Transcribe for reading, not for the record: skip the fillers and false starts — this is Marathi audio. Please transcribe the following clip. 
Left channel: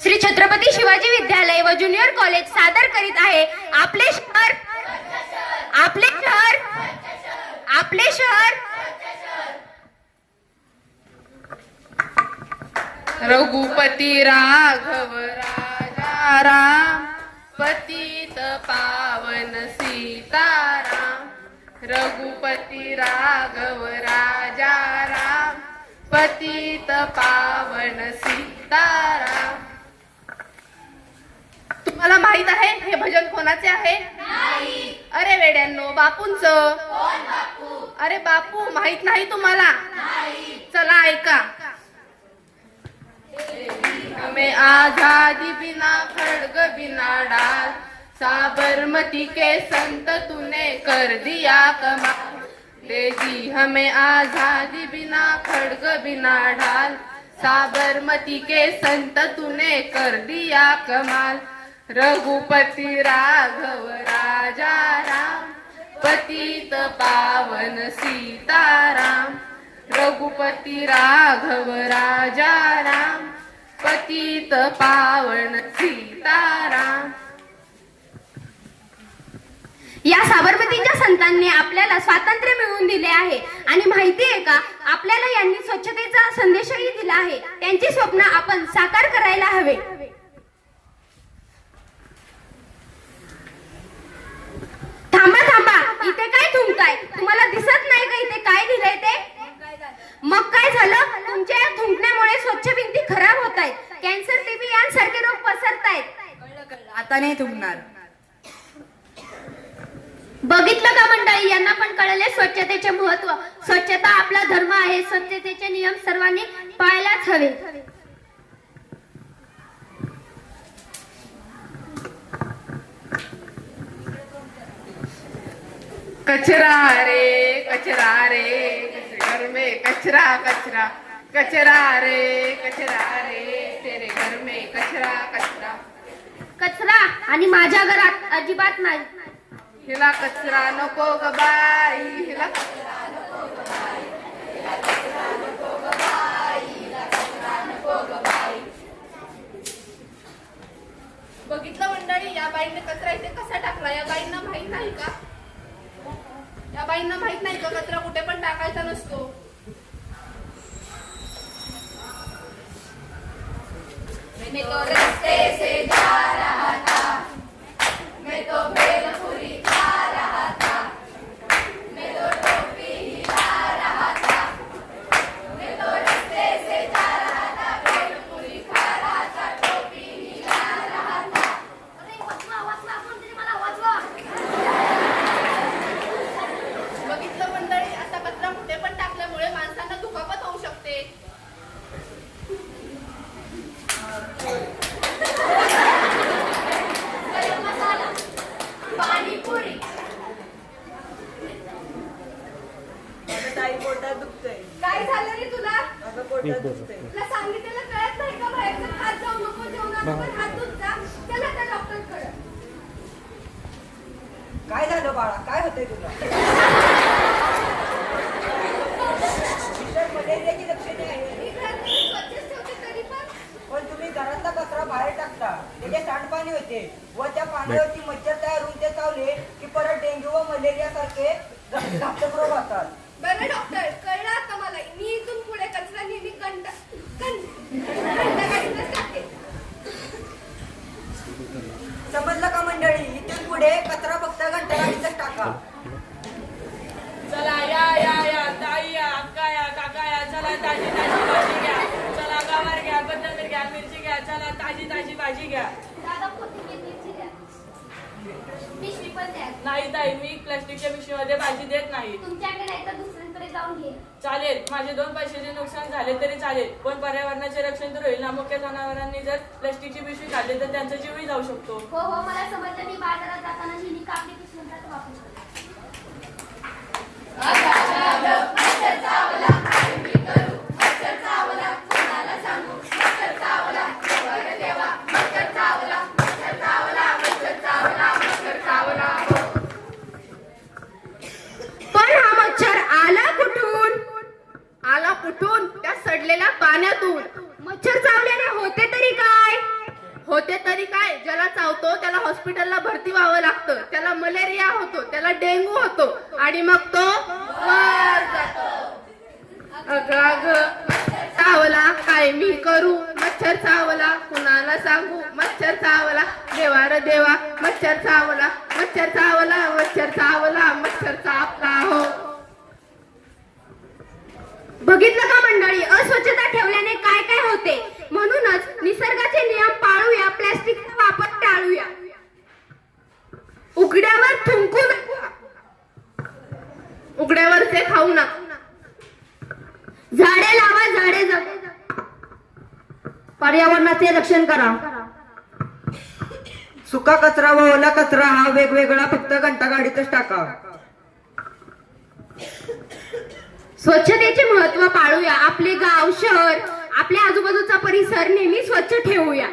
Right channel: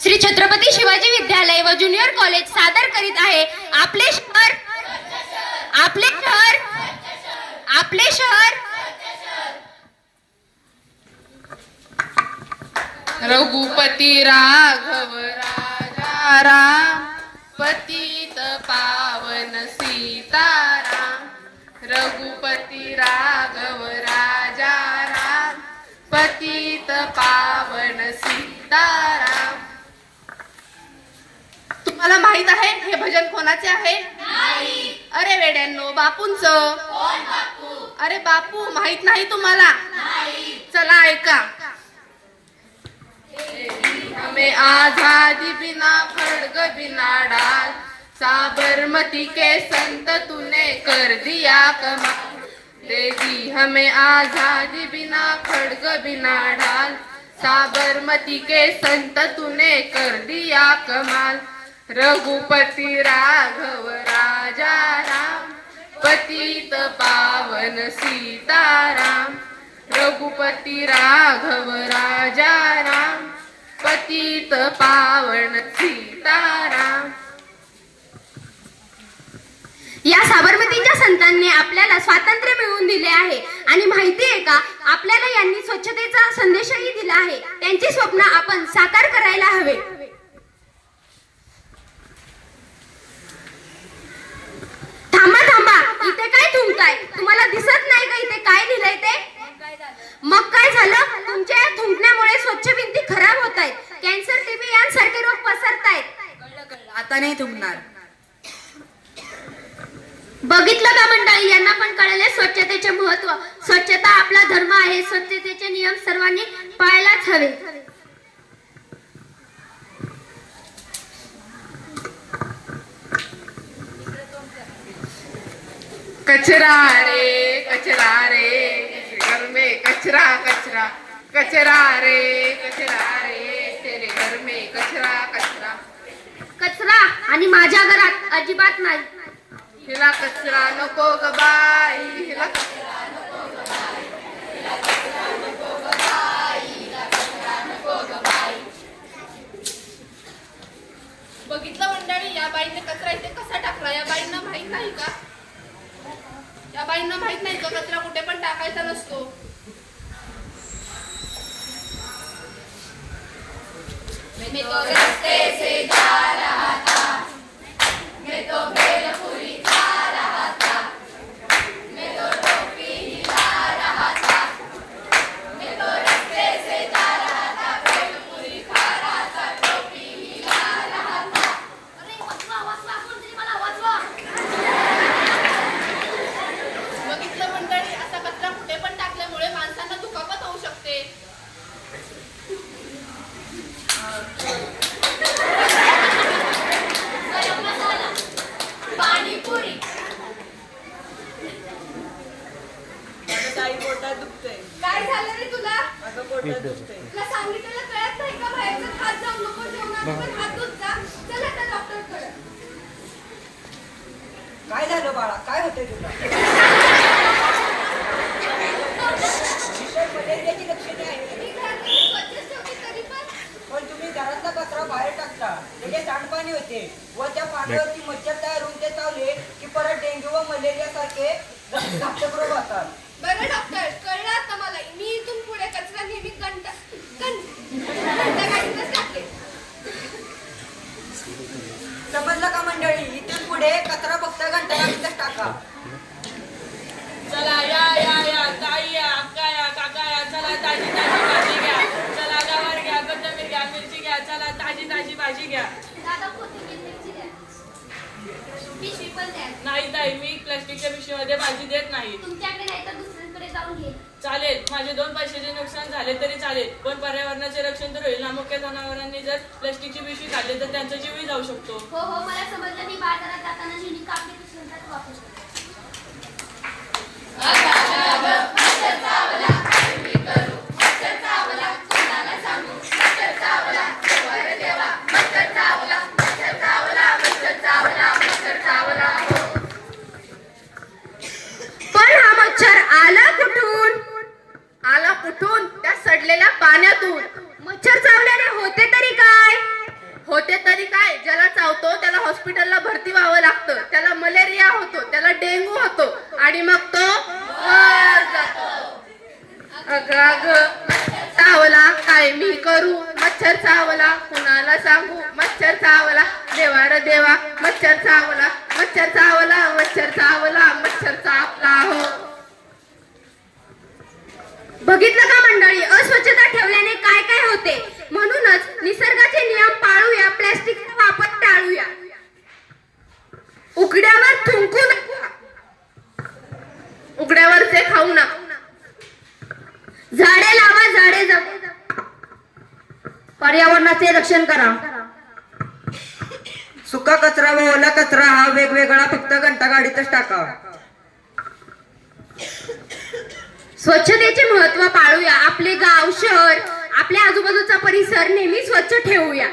श्री छत्रपती शिवाजी विद्यालय व ज्युनियर कॉलेज सादर करीत आहे आपले शहर, आपले शहर, आपले शहर। रघुपती राघव राजा राम, पतित पावन सीताराम। रघुपती राघव राजा राम, पतित पावन सीताराम। तुम्हाला माहित आहे हे भजन कोणाचे आहे? नाही। अरे वेड्यांनो, बापूंचं। कोण बापू? अरे बापू माहित नाही तुम्हाला? नाही। चला ऐका। हमें आजादी बिना खड्ग बिना डाल, साबरमती के संत तूने कर दिया कमाल। देगी हमें आजादी बिना खड्ग बिना ढाल, साबरमती के संत तूने कर दिया कमाल। रघुपति राघव राजा राम, पतित पावन सीताराम। रघुपति राघव राजा राम, पतित पावन सीताराम। या साबरमतीच्या संतांनी आपल्याला स्वातंत्र्य मिळवून दिले आहे आणि माहिती आहे का, आपल्याला यांनी स्वच्छतेचा संदेशही दिला आहे। त्यांची स्वप्न आपण साकार करायला हवे। थांबा थांबा, इथे काय थुंकताय? तुम्हाला दिसत नाही का इथे काय लिहिलंय ते? मग काय झालं? तुमच्या या थुंकण्यामुळे स्वच्छ भिंती खराब होत आहेत, कॅन्सर, टीबी यांसारखे रोग पसरतायत। कळलं, आता नाही थुंकणार। बघितलं का मंडळी, यांना पण कळले स्वच्छतेचे महत्व। स्वच्छता आपला धर्म आहे, स्वच्छतेचे नियम सर्वांनी पाळायलाच हवे। कचरा रे कचरा रे, घर में कचरा कचरा। कचरा रे तेरे घर में कचरा कचरा। कचरा आणि माझ्या घरात अजिबात नाही। हिला कचरा नको ग बाई, हिला कचरा नको ग बाई, हिला कचरा नको ग बाई, हिला कचरा नको ग बाई। बघितलं मंडळी, या बाईने कचरा इथे कसा टाकला? या बाईंना माहित नाही का? या बाईंना माहित नाही का कचरा कुठे पण टाकायचा नसतो? मैं तो रस्ते से जा रहा था, मैं तो भेलपुरी खा रहा था, मैं तो टोपी हिला रहा था, मैं तो रस्ते से जा रहा था, भेलपुरी खा रहा था, टोपी हिला रहा था। अरे वाचवा वाचवा, कोणतरी मला वाचवा। बघितलं मंडळी, असा कचरा कुठे पण टाकल्यामुळे माणसांना दुखापत होऊ शकते। गरम मसाला, पाणीपुरी। माझं ताई पोटात दुखतंय। काय झालं रे तुला? माझं पोटात दुखतंय। तुला सांगितलेलं कळत नाही का? बाहेरचं खात जाऊ नको, जेवणात हात धुत जा। चल आता डॉक्टरकडे। काय झालं बाळा, काय होतंय तुला? विषय मलेरियाची लक्षणे आहेत। मी घर स्वच्छच ठेवते तरी पण तुम्ही घरातला कचरा बाहेर टाकता, त्याचे सांडपाणी होते व त्या पाण्यावरची मच्छर तयार होऊन ते चावले की परत डेंग्यू व मलेरिया सारखे घातक रोग होतात। बरं डॉक्टर, कळलं आता मला। मी इथून पुढे कचरा नेहमी घंटागाडीतच टाकते। समजलं का मंडळी? इथून पुढे कचरा फक्त घंटागाडीतच टाका। चला या ताई या, अक्का या, काका या, चला ताजी ताजी भाजी घ्या। चला गवार घ्या, कोथिंबीर घ्या, मिरची घ्या, चला ताजी ताजी भाजी घ्या। दादा कोथिंबीर मिरची द्या, पिशवी पण द्या। नाही ताई, मी प्लास्टिकच्या पिशवीमध्ये भाजी देत नाही। तुमच्याकडे नाही तर दुसऱ्यांकडे जाऊन घे। चालेल, माझे 2 पैशाचे नुकसान झाले तरी चालेल, पण पर्यावरणाचे रक्षण तर होईल ना। मुख्य जनावरांनी जर प्लास्टिकची पिशवी खाल्ली तर त्यांचा जीवही जाऊ शकतो। हो हो, मला समजलं। मी बाजारात जाताना नेहमी कापडी पिशव्यांचाच वापर करते। पण हा मच्छर आला कुठून? आला कुठून? त्या सडलेल्या पाण्यातून। मच्छर चावल्याने होते तरी काय? होते तरी काय, ज्याला चावतो त्याला हॉस्पिटलला भरती व्हावं लागतं, त्याला मलेरिया होतो, त्याला डेंग्यू होतो आणि मग तो वर जातो. अगं अगं चावला काय मी करू, मच्छर चावला कुणाला सांगू, मच्छर चावला देवा रे देवा, मच्छर चावला, मच्छर चावला, मच्छर चावला, मच्छर चावला हो. बघितलं का मंडळी, अस्वच्छता ठेवल्याने काय काय होते. म्हणूनच निसर्गाचे नियम पाळूया, प्लॅस्टिकचा वापर टाळूया. उघड्यावर थुंकू नका, उघड्यावरचे खाऊ नका, झाडे लावा, झाडे जगवा, पर्यावरणाचे रक्षण करा. सुका कचरा व ओला कचरा हा वेगवेगळा फक्त घंटागाडीतच टाका. स्वच्छतेचे महत्त्व पाळूया. आपले गाव, शहर, आपल्या आजूबाजूचा परिसर नेहमी स्वच्छ ठेवूया.